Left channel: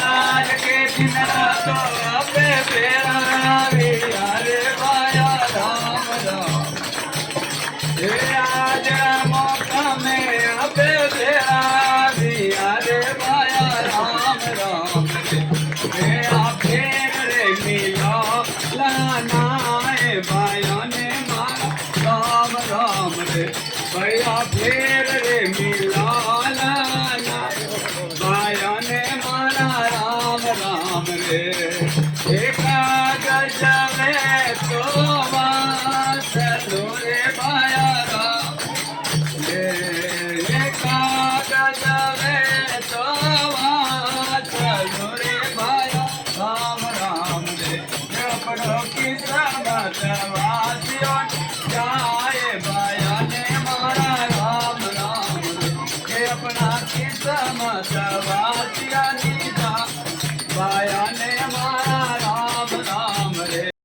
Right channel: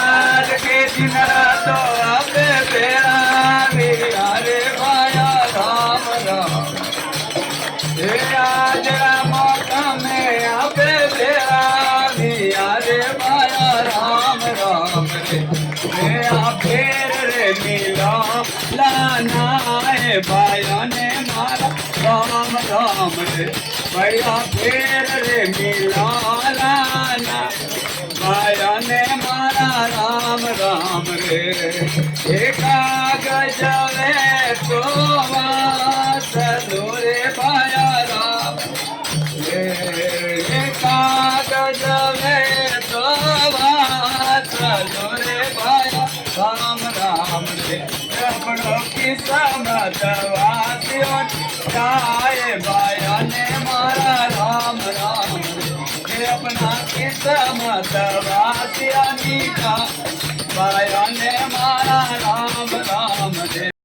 आज के दिन तो अब बेरा वीरा रे भाया राम राम आज मौका में अब बेरा वीरा रे भाया राम राम रे फेर रे मिला लाना भाइयों ने मारा राम राम रे भैया फेर रे मिला लाना भाइयों ने मारा राम राम रे कागज में तो चलो रे भाया राम रे कागज में तो चलो रे भाया राम राम रे कपड़ों की समत वासियों गाए भाया ने मारा राम राम रे अपना की समत वासिया